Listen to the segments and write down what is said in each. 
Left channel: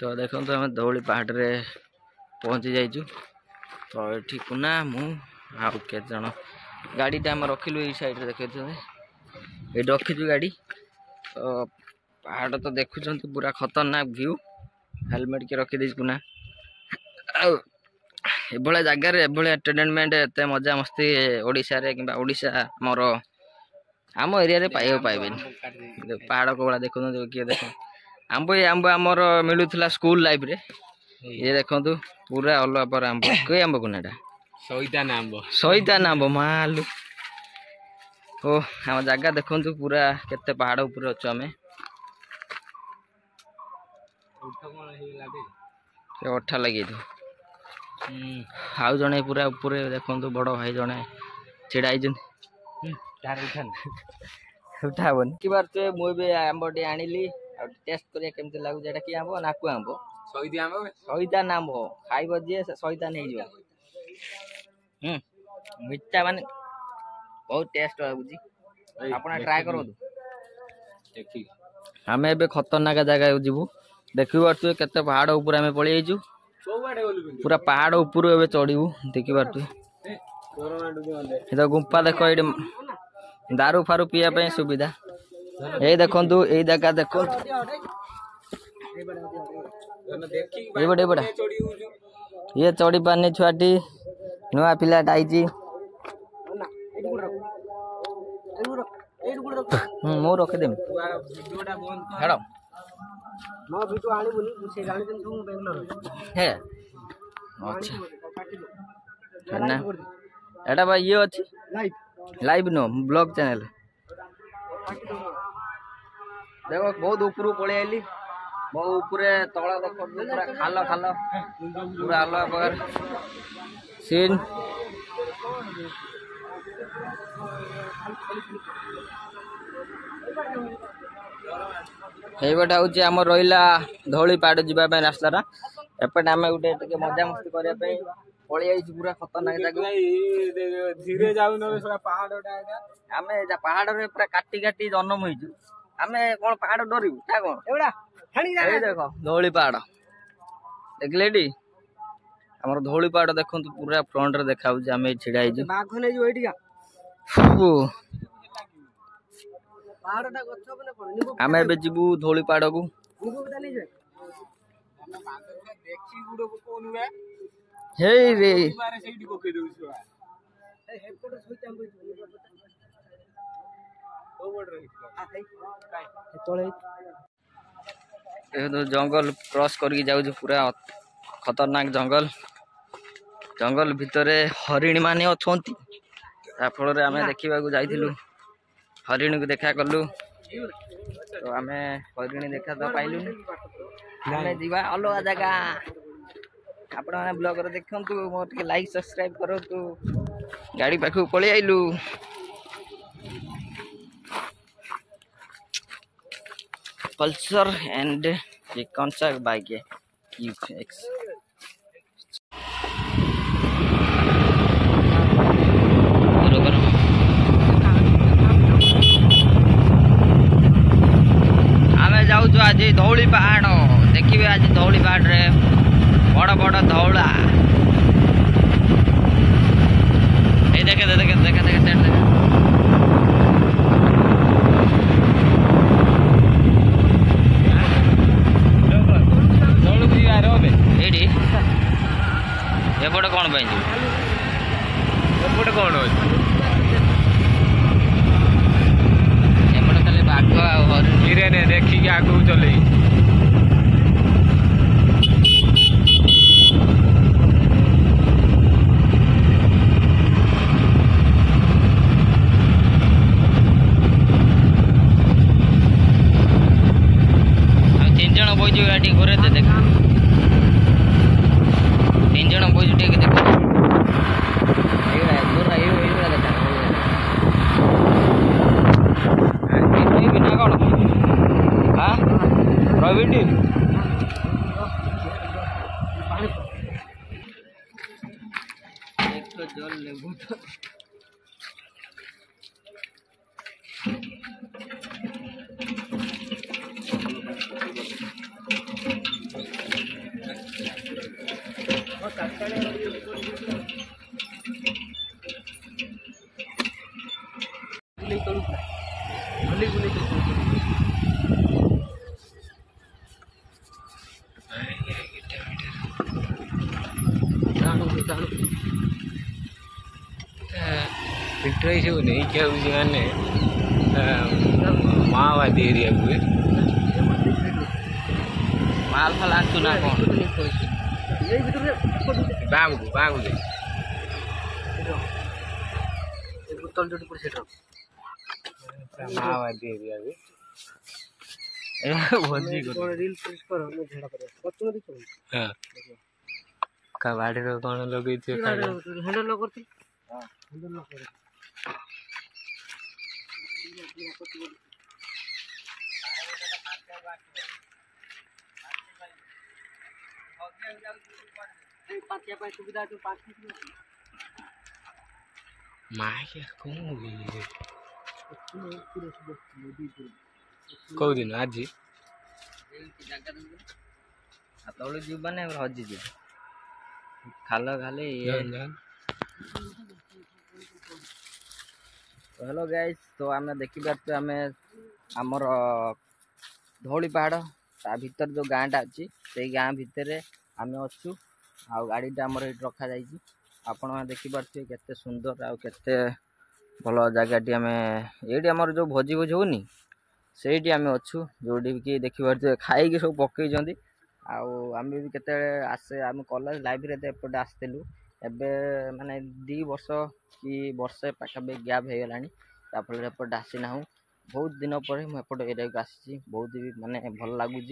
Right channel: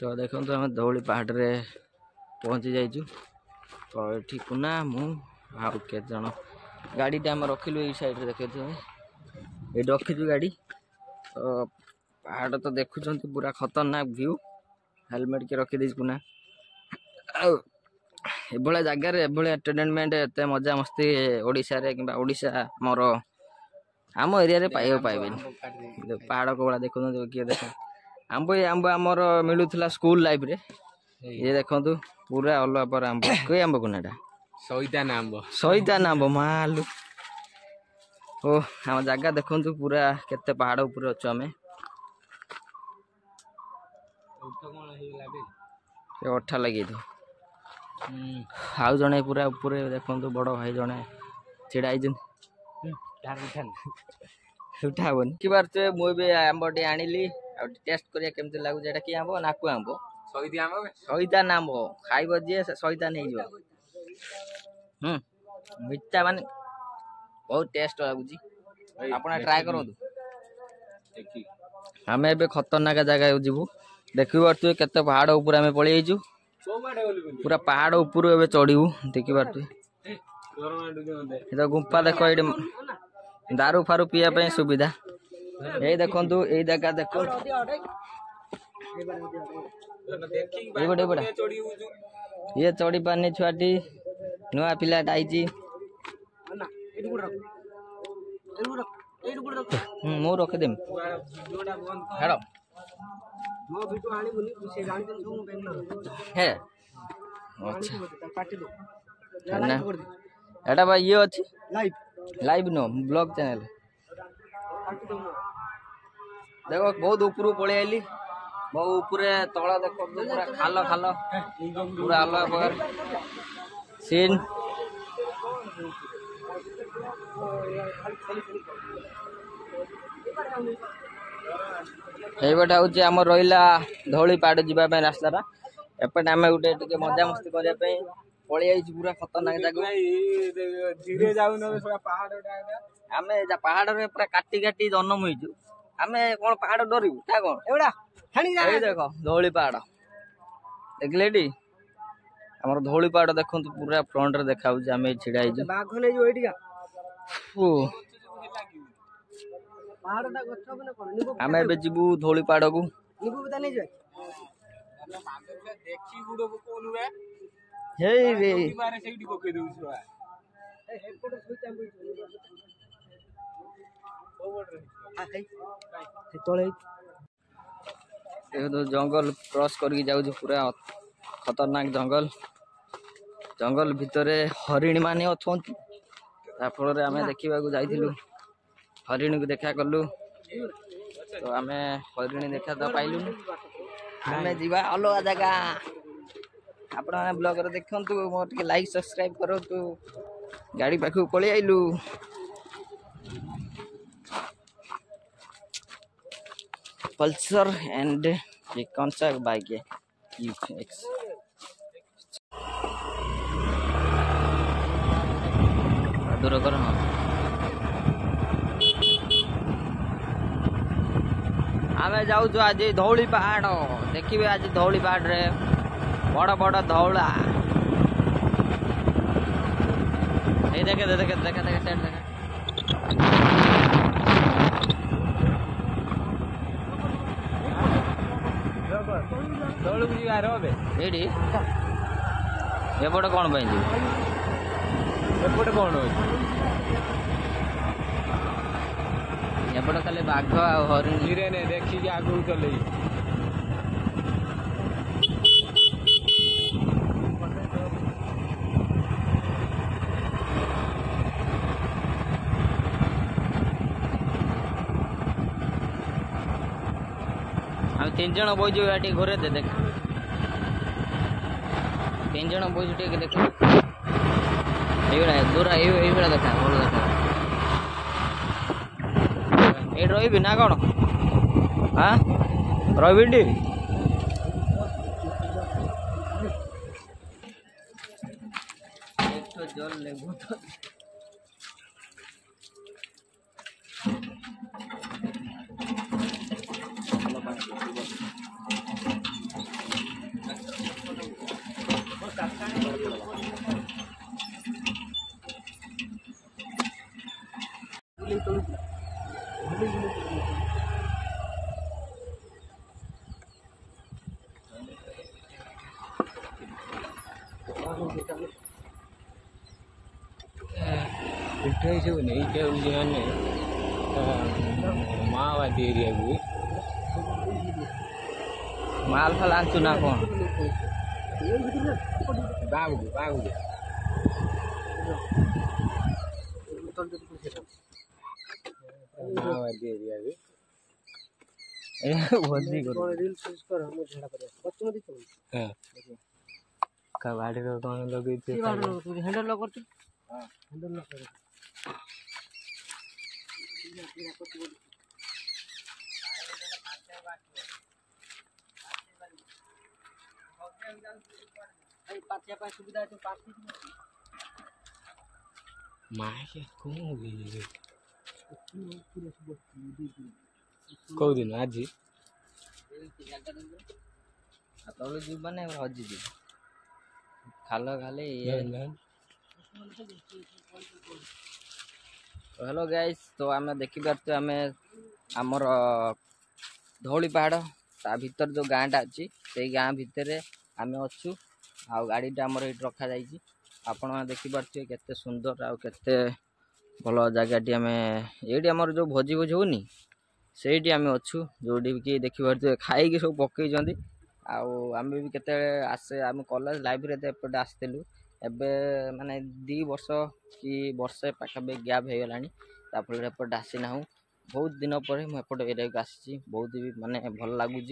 तो देखो तो आम धौली पहाड़ रे पहुँची जाइचु। तो ये कुना मु आउ के जन गाड़ी आम रखिलु ये साइड देखे ये रखीचु गाड़ी। तो पहाड़ तो देखुं पूरा खतरनाक व्यू। हेलमेट के रखी देच कुना एभलिया जगार एभलिया एंटरटेनमेंट एत मजा मस्ती ओडिशा रे किंबा ओडिशा मोर आम एरिया रे पाइबा पाइबेन। पहाड़ को बड़ा देखो किए देख आंब ये आंब आमर मिलूला स्कूल लाइफ रे। ये देखु पूरा अलग पर आंब कई आंब कुना सईतान आंब मालू। ओ आम जगह देखु पूरा केते पहाड़ ऊपर अच्छे आम अठा लगे आउ जड़े पूरा ऊपर देखु बड़ भाई जड़े छिड़ा उठा हेनी कि पारे मुझे आंबटे आनिली टेस्ट करिया केमती लागुच एटा कि आंब नाकु आंब सईतान आंब खाइब जी सईतान हो मिठा माने बहुत टेस्ट लगुच आप ट्राए करूँ। आम ए खतरनाक जगह जीवु देखी पार्थे केते पहाड़ ऊपर आम पलि आइचु पूरा पहाड़ ऊपर ए चढ़ू देखी पार्थे गुंफा देख ये दारू फारू पीवा सुविधा ये देखु ये जगह देखो ये चढ़ी पारनी छुआटी नुआ पिलाटा आई मु रखिदेमी हे अच्छा ना एटा भाई ये अच्छी लाइव नो ब्लॉग चैनल देखो बहुत ऊपर पलि आइली बहुत ऊपर तला देखो पूरा खाल खाल पूरा अलग प्रकार सीन ये हूँ आम रहा धौली पहाड़ जावाई रास्ता एपटे आम गोटे मजा मस्ती करने पलि आई पूरा खतरनाक जगह आम पहाड़ रे पूरा काटी काटी जन्म हो आम कौन पहाड़ डरू क्या कौन देख धौली पहाड़ देखले आम धौली पहाड़ देखो पूरा फ्रंट रे देखा आम छिड़ा आम ए जीवु धौली पहाड़ को जंगल क्रॉस करके जाऊँ पूरा खतरनाक जंगल जंगल भितर हरिणी माने अच्छा फल आम देखा जाइलु हरिणी को देखा कलु। तो आम हरिणी देखा तो पाइलु आम जीवा अलग जगह आपण ब्लॉग रे देखंतु मोर के लाइक सब्सक्राइब करूँ गाड़ी पाखु पलि आइलु पल्सर एंड कौनसा बाइक है QX आम जाऊँ आज धौली पहाड़ देखिए आज धौली पहाड़ रे बड़ बड़ धौला ये देखे देखे देखे देखे सेट देखे ये एपटे कौन एपटे कौन एपटे खाली बाघ हरिणी देखिए आगू चल तीन जन बईचु गाड़ी घरे देख तीन जन बईचु देख दूर देखा रही ना कौन हाँ रही जल लेबू तो सब नहीं क्या माने माओवादी एरिया को माल फाल आंतु ना कौन बागु दे माओवादी एरिया को भोजी हाँ कबाड़ी रो कौन लगे थे हैंडल लॉक करती माया कौन हो गई कौ दिन आज तले जीवन हजि खाल खाली हेलो गाइस तो आम देखिपे आम आमर धौली पहाड़ ता भीतर जो गाँटा अच्छी से गाँ भितर आम अच्छू आ गाड़ीटा आमर ये रखा जाइए आपण देखिपे केते सुंदर आ केते भल जगहटी आम ये आमर जो भोजी भोज होनी से आम अच्छू जोटी कि देखिपे खाई सब पकई आम भी केते आसे आम कॉलेज लाइब्रेरी एपटे आसलु एबे माने 2 वर्ष कि वर्षे पाखापी गैप हो गला फल एपटे आसीना बहुत दिन पर मुझे एरिया को आसी बहुत भी माने भल लगुच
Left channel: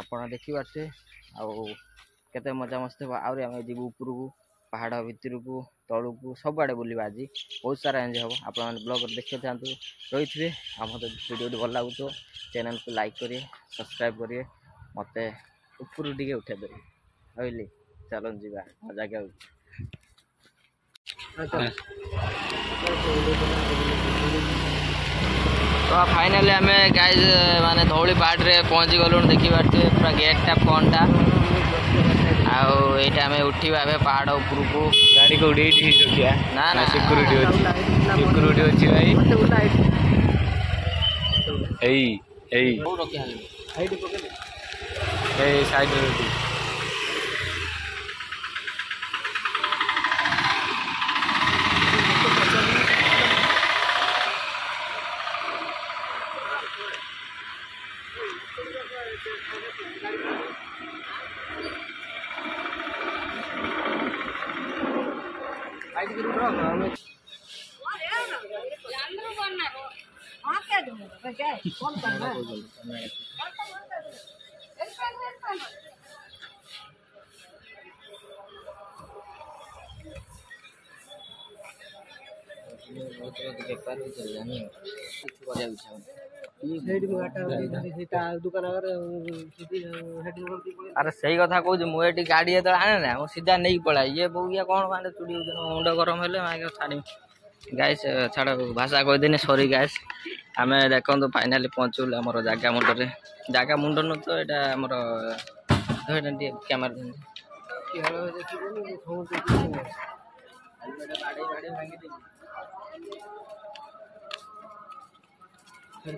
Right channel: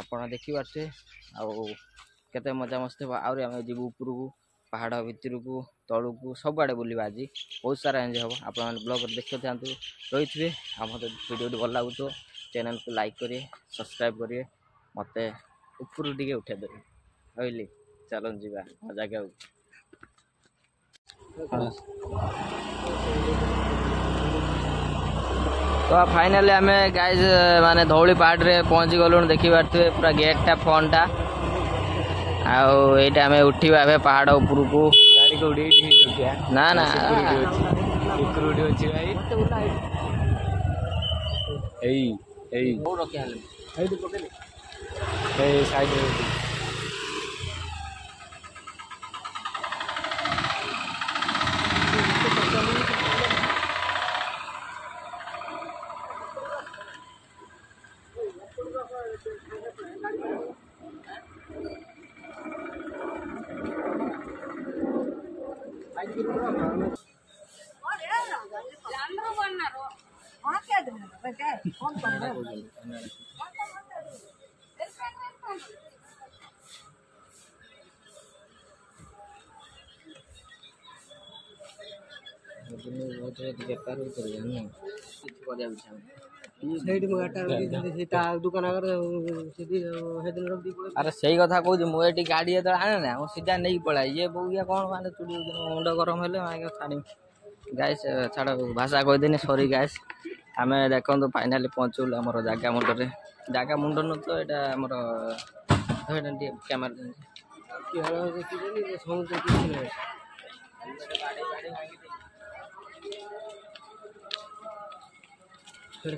आप देखिपे आते मजा मस्ती आम जीव उपर को पहाड़ भितर को तलू को सबुआड़े बुलवा आज बहुत सारा एंजय हम आप ब्लॉग देखते था रही थे आम वीडियो भल लगुच चैनल को लाइक करिए सब्सक्राइब करिए मत ऊपर टे उठे देवे कहली चलो जीवा जगह तो फाइनली आम गाइज माने धौली पहाड़ रे पहुँची गलु देखी पारे पूरा गेटा फोनटा आईटा आम उठा ए पहाड़ उपर को गाड़ी को रखिया ना ना सिक्यूरिटी अच्छी भाई साइड बेपार अरे सही कथा कहूँ मुझे गाड़ी जो आने ना सीधा नहीं पड़ा ये बउया कौन माने चुड़ी मुंड गरम हेले छाड़ी गाइस छाड़ भाषा कहीदेनी सरी गाइस आम देखो फाइनाली पहुँचल आम जगह मुंडे जगह मुंड न तो यहाँ आमर कैमेरा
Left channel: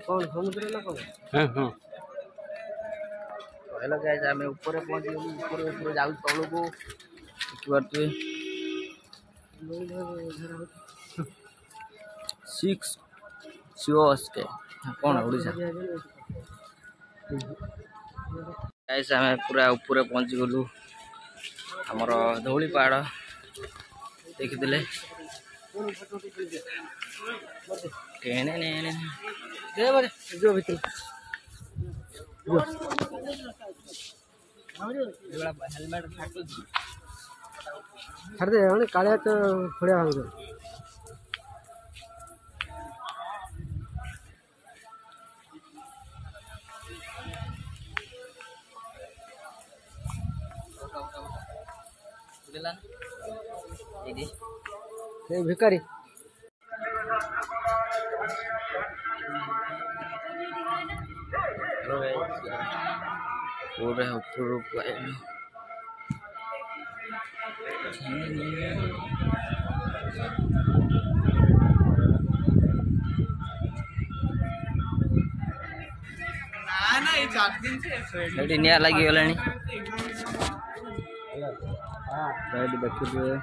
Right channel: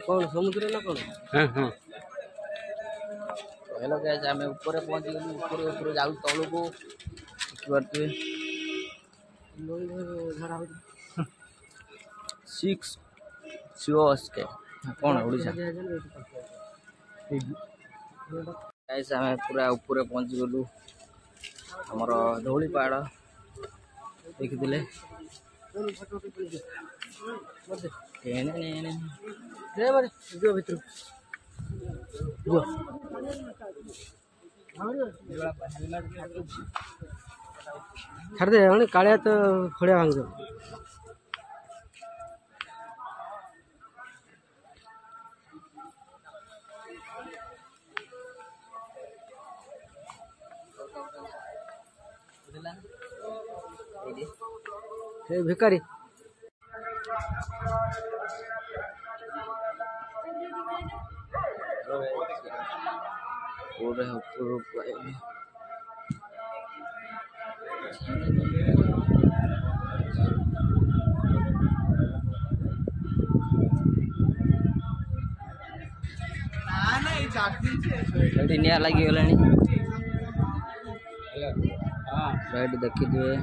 कौन समुद्र ना कौन हेलो गाइस आम ऊपर पहुँची गलु ऊपर ऊपर जाऊ तलू को सिक्स के कौन ओडिशा गाइस आम पूरा ऊपर पहुँची गलु आमर धौली पहाड़ देखिले छाड़ दे कालिया तो खड़िया भांग भिकारी पूरे ऊपर निया लगी गलानी ସାଇଡ୍ ଦେଖିଥିବେ।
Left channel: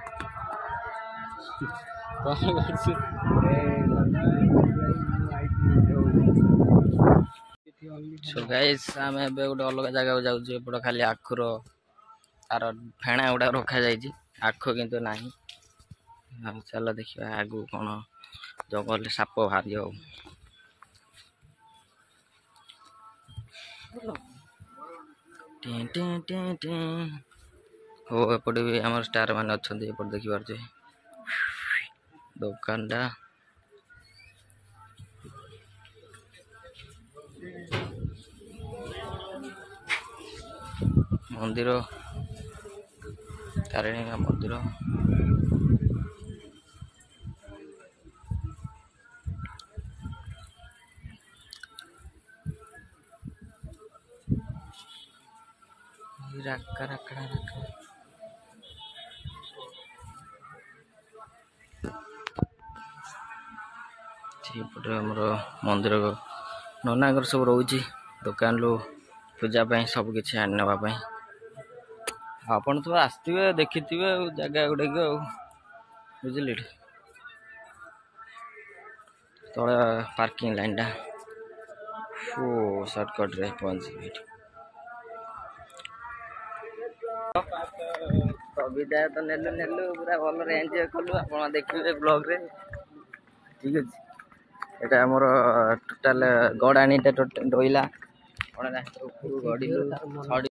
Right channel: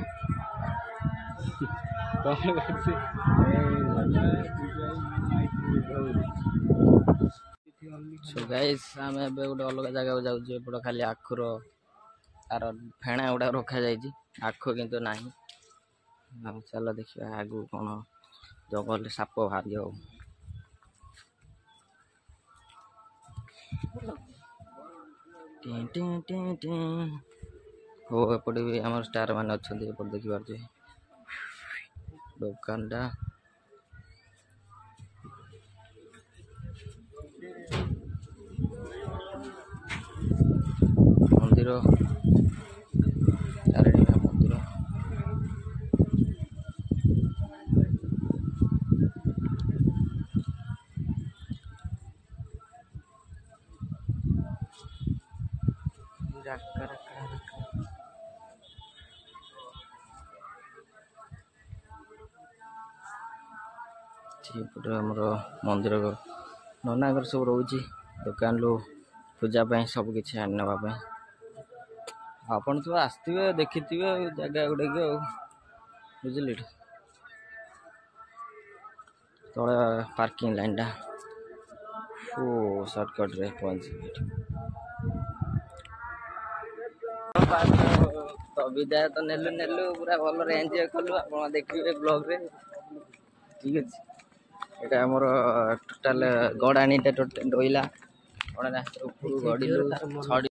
ସୋ ଗାଇସ୍ ଆମେ ଏବେ ଗୋଟେ ଅଲଗା ଜାଗାକୁ ଯାଉଛୁ। ଏପଟ ଖାଲି ଆଖୁର ତାର ଫେଣା ଗୁଡା ରଖାଯାଇଛି, ଆଖୁ କିନ୍ତୁ ନାହିଁ। ଆଉ ଚାଲ ଦେଖିବା ଆଗକୁ କ'ଣ ଜଙ୍ଗଲରେ ସାପ ବାହାରିବ। ହଉ ଏପଟେ ବି ଆମର ଷ୍ଟାର ମାନେ ଅଛନ୍ତି, ଏପଟେ ଦେଖିପାରୁଥିବେ ଦୋକାନଟା। ମନ୍ଦିର ତାରିଣୀ ମନ୍ଦିର। ସେପଟେ ଆମର ମନ୍ଦିର ନନାଙ୍କର ସବୁ ରହୁଛି ଦୋକାନରୁ ପୂଜା ପାଇଁ ସବୁ କିଛି ଆଣି ନେବା ପାଇଁ। ଆପଣ ତ ଆସିଥିବେ ଦେଖିଥିବେ ଆଉ ଜାଗା ଗୁଡ଼ାକ ଆଉ ବୁଝିଲେ। ତଳେ ପାର୍କିଂ ଲାଇନ୍ଟା ସର୍ଟକଟ୍ରେ ପହଞ୍ଚିବି ଏଠି। ତ ବିଦାୟ ତ ନେଲୁ ପୁରା ଭଲରେ ଏନ୍ଜୟ କଲୁ। ଆପଣ ଦେଖିବେ ବ୍ଲଗ୍ରେ, ଠିକ୍ ଅଛି। ଏଇଟା ଆମର ଟୋଟାଲ୍ ଗଡ଼ାଣିଟା ଟୋଟାଲ୍ ରହିଲା। ଉପରକୁ ଗଡ଼ିଲୁ।